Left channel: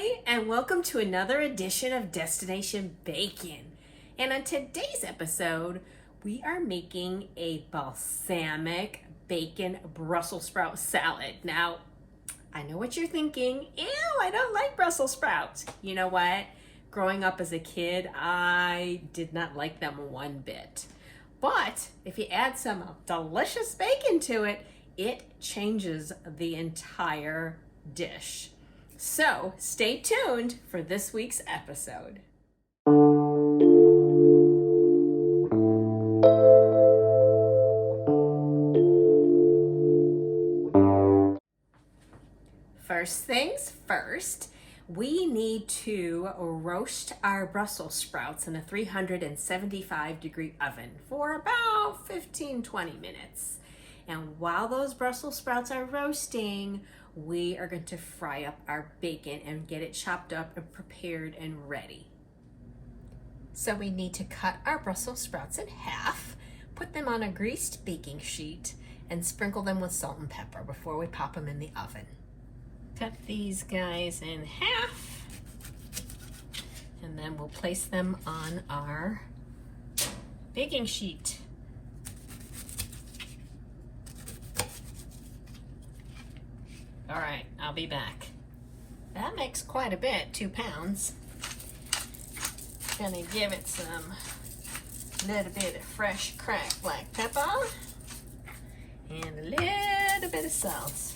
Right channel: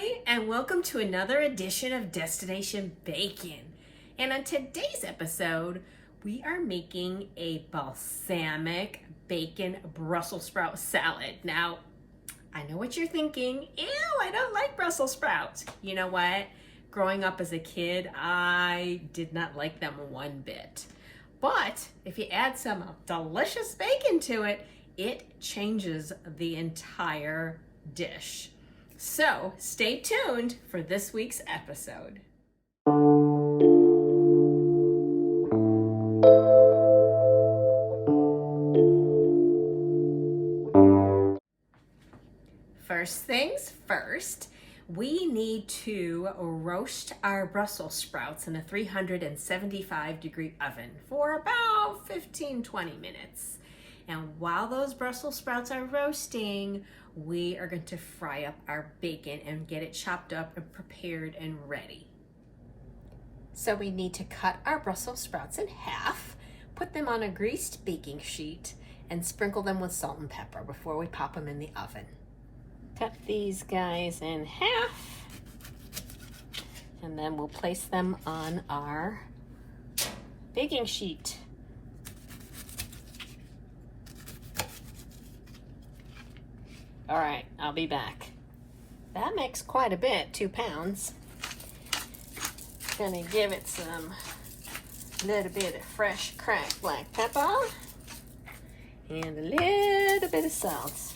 Hi, and welcome to another edition of Destination Bacon. And on today's episode, we are making a balsamic bacon Brussels sprout salad. Now, I know what you're thinking. Ew, I don't like Brussels sprouts. You know what? Growing up as a kid, I did not like them one bit. But if you add some delicious bacon to it, it changes the entire dish. So stay tuned for this week's episode. First things first, we need to roast our Brussels sprouts in a 375-degree oven for about 15-20 minutes. And while those Brussels sprouts are roasting, we are going to fry up our bacon and get it chopped up and prepared and ready. So we need to cut our Brussels sprouts in half, put them on a greased baking sheet, and sprinkle them with salt and pepper before we pop them in the oven. Cut these guys in half, and then we'll place them on our baking sheet. All right, I'll be back. That makes quite a bit, 2 pounds. Gonna give it some little bit of fresh cracked black pepper and a little bit of salt.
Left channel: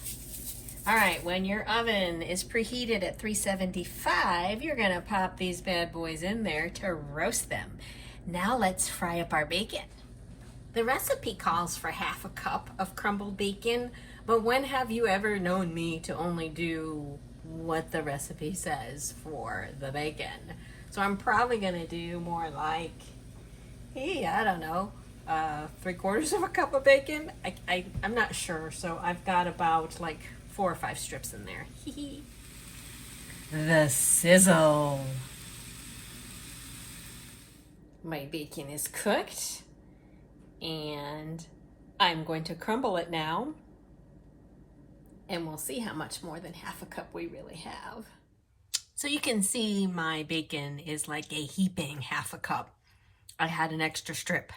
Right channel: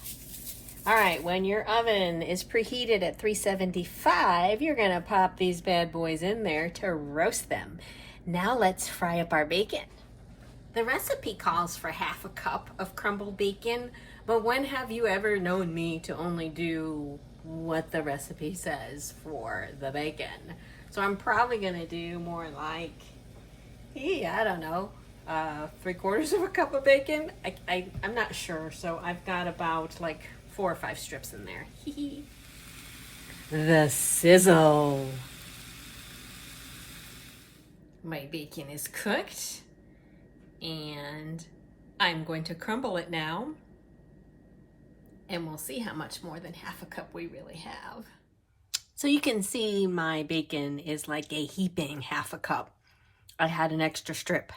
All right, when your oven is preheated at 375, you're gonna pop these bad boys in there to roast them. Now let's fry up our bacon. The recipe calls for half a cup of crumbled bacon, but when have you ever known me to only do what the recipe says for the bacon? So I'm probably gonna do more like, I don't know, 3/4 of a cup of bacon. I'm not sure, so I've got about like 4 or 5 strips in there. The sizzle. My bacon is cooked, and I'm going to crumble it now, and we'll see how much more than half a cup we really have. So you can see my bacon is like a heaping half a cup. I had an extra strip,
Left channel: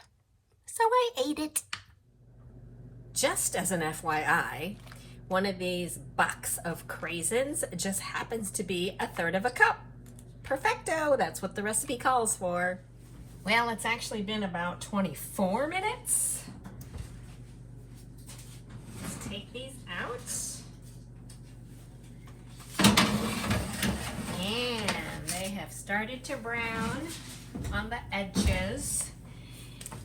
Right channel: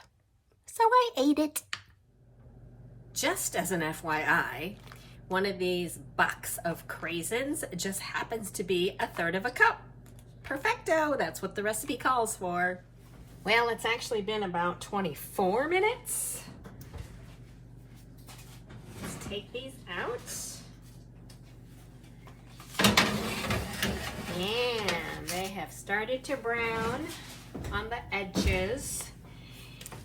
so I ate it. Just as an FYI, one of these box of Craisins just happens to be 1/3 of a cup. Perfecto, that's what the recipe calls for. Well, it's actually been about 24 minutes. Let's take these out. And they have started to brown on the edges.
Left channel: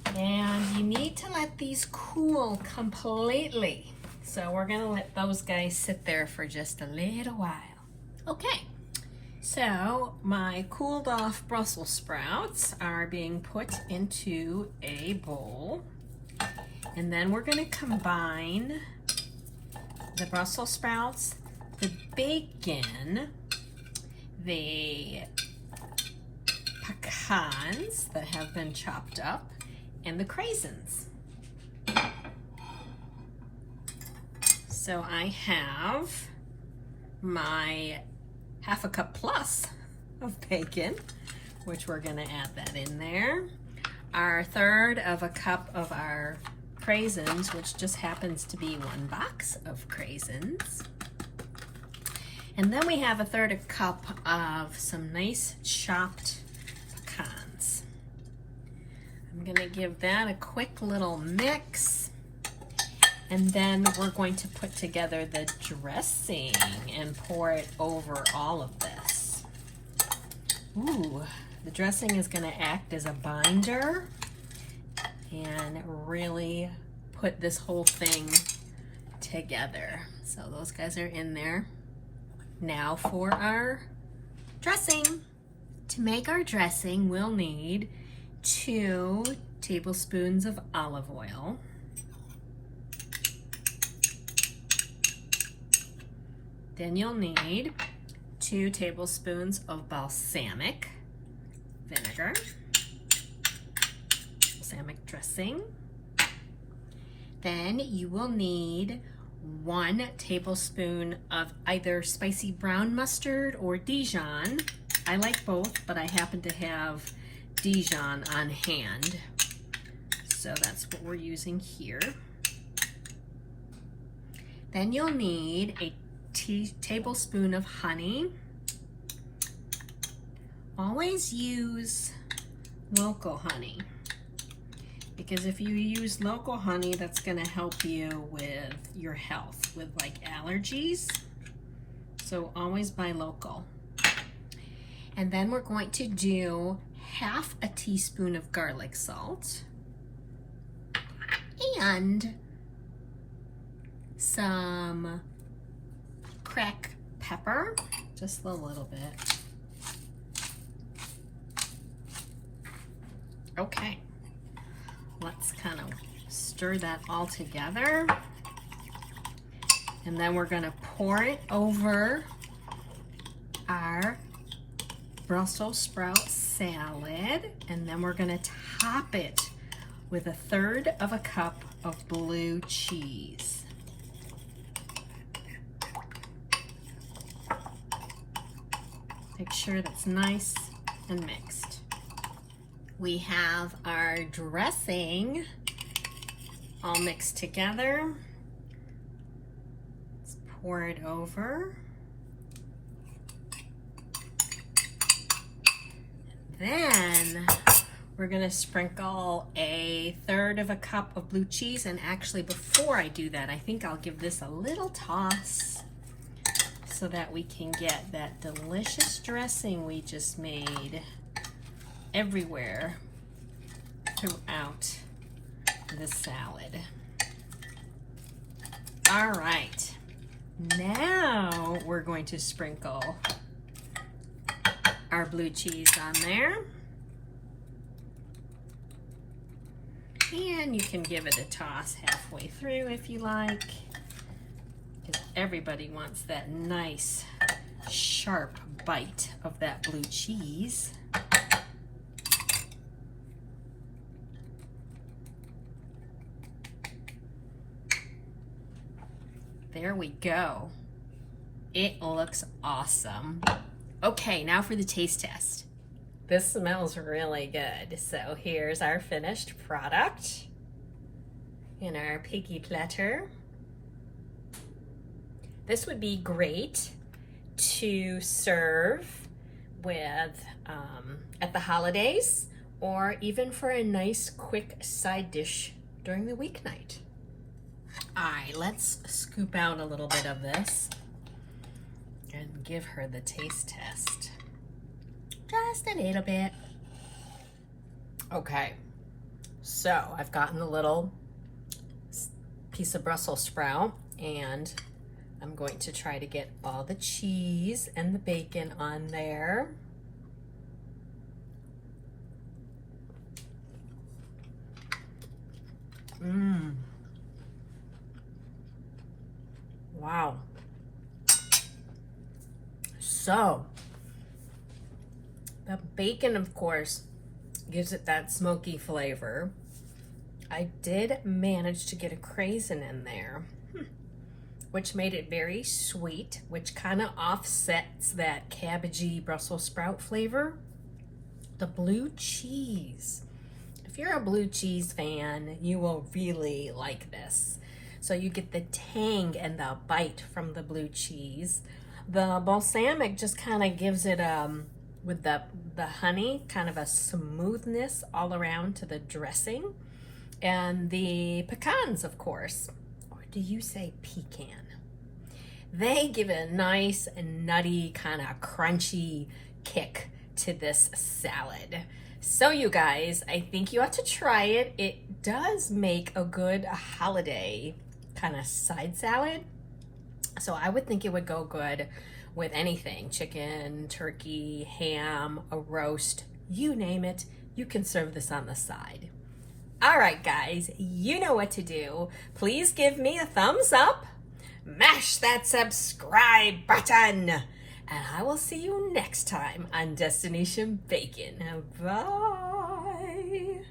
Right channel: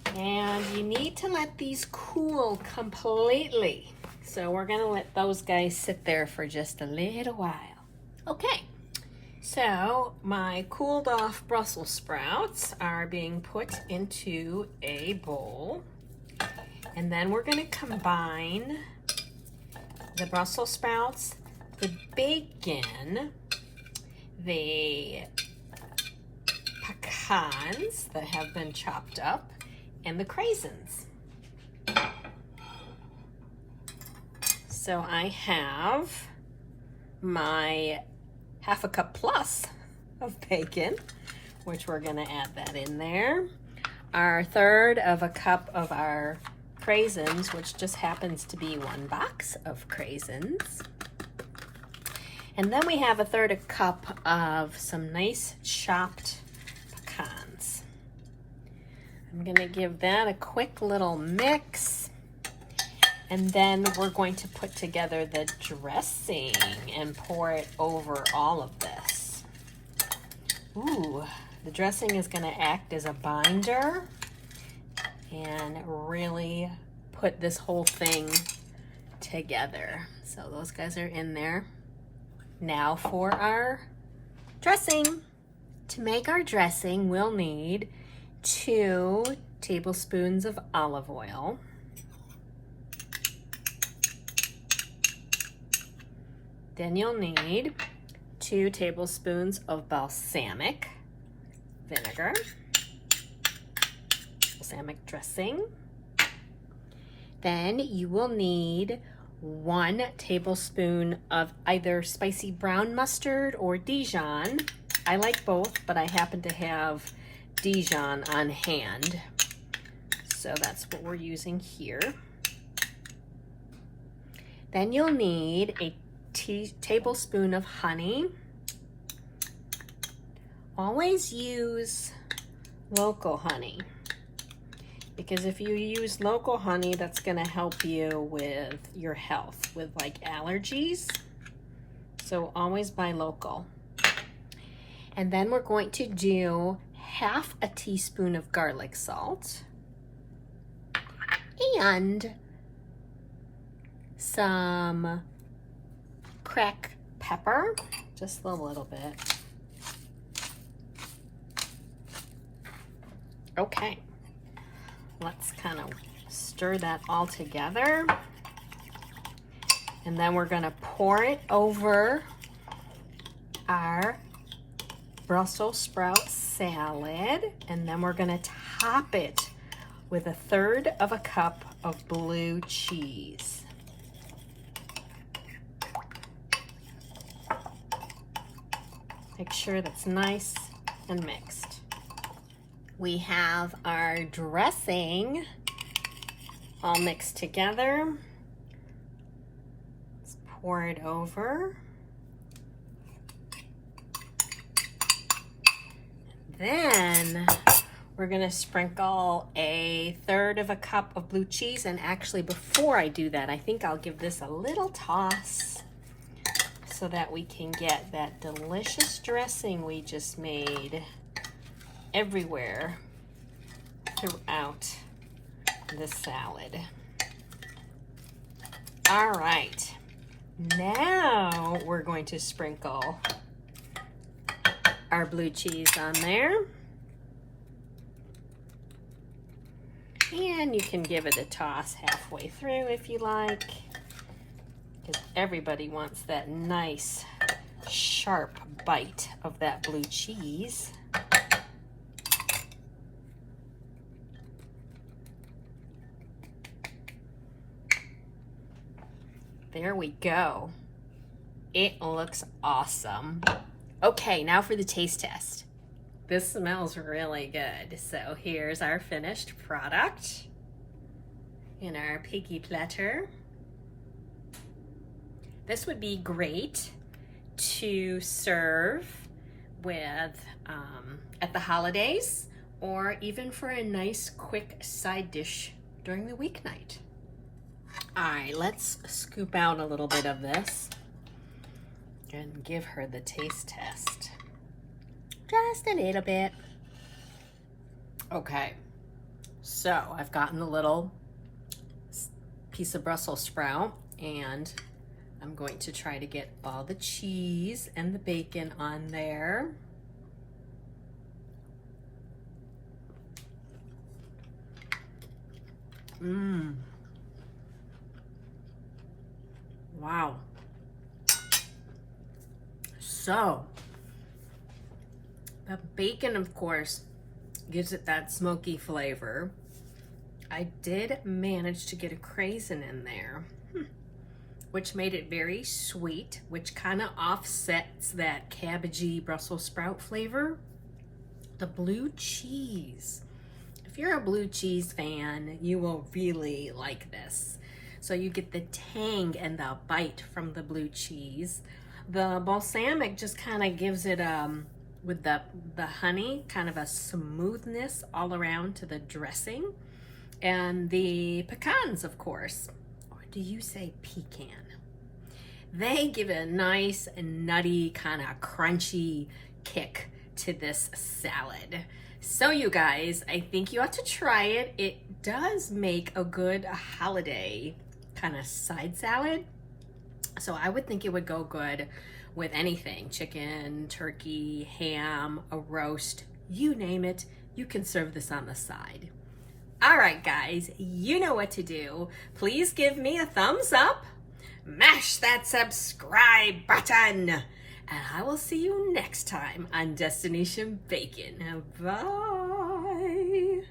And you need to let these cool completely. So we're gonna let those guys sit there for just a little while. Okay, so my cooled off Brussels sprouts are being put into a bowl. And then we're gonna combine the Brussels sprouts, the bacon, the pecans that have been chopped up, and the Craisins. So I have my half a cup plus of bacon, which we're gonna add that in there. Our 1/3 of a cup of our Craisins, which just happens to be 1 box of Craisins. And then we have 1/3 cup of some nice chopped pecans. I'm gonna give that a quick little mix. And then we're going to put together the dressing and pour it over all of this. Ooh, the dressing is gonna act as a binder and really put this whole thing together. So those guys are in there. Now for our dressing. To make our dressing, we'll need 2 tablespoons of olive oil. Then you'll need 2 tablespoons of balsamic vinegar, balsamic dressing. Then you will need 1 tablespoon of either spicy brown mustard or Dijon. I like both, but I happen to have Dijon on hand, so that's what we're using here. Then you'll need a tablespoon of honey. Always use local honey, because if you use local honey, that's going to help you with your health, with like allergies. So always buy local. And then we're going to do half a teaspoon of garlic salt and some cracked pepper, just a little bit. Okay, let's kind of stir that all together. And then we're gonna pour it over our Brussels sprout salad. And then we're gonna top it with 1/3 of a cup of blue cheese. Make sure that's nice and mixed. We have our dressing all mixed together. Let's pour it over. Then we're gonna sprinkle 1/3 of a cup of blue cheese. And actually, before I do that, I think I'll give this a little toss so that we can get that delicious dressing we just made everywhere throughout the salad. All right, now we're going to sprinkle our blue cheese on there. And you can give it a toss halfway through if you like, because everybody wants that nice sharp bite of that blue cheese. There we go. It looks awesome. Okay, now for the taste test. This smells really good. So here's our finished product in our piggy platter. This would be great to serve with at the holidays, or even for a nice quick side dish during the weeknight. All right, let's scoop out a little bit of this and give her the taste test. Just a little bit. Okay, so I've gotten a little piece of Brussels sprout, and I'm going to try to get all the cheese and the bacon on there. Wow. So, the bacon, of course, gives it that smoky flavor. I did manage to get a craisin in there, which made it very sweet, which kind of offsets that cabbagey Brussels sprout flavor. The blue cheese. If you're a blue cheese fan, you will really like this. So you get the tang and the bite from the blue cheese. The balsamic just kind of gives it, with the honey, kind of a smoothness all around to the dressing. And the pecans, of course, or do you say pecan? They give it a nice nutty, kind of crunchy kick to this salad. So you guys, I think you ought to try it. It does make a good holiday kind of side salad. So I would think it would go good with anything: chicken, turkey, ham, a roast, you name it. You can serve this on the side. All right, guys, you know what to do. Please give me a thumbs up, mash that subscribe button, and I will see you next time on Destination Bacon. Bye.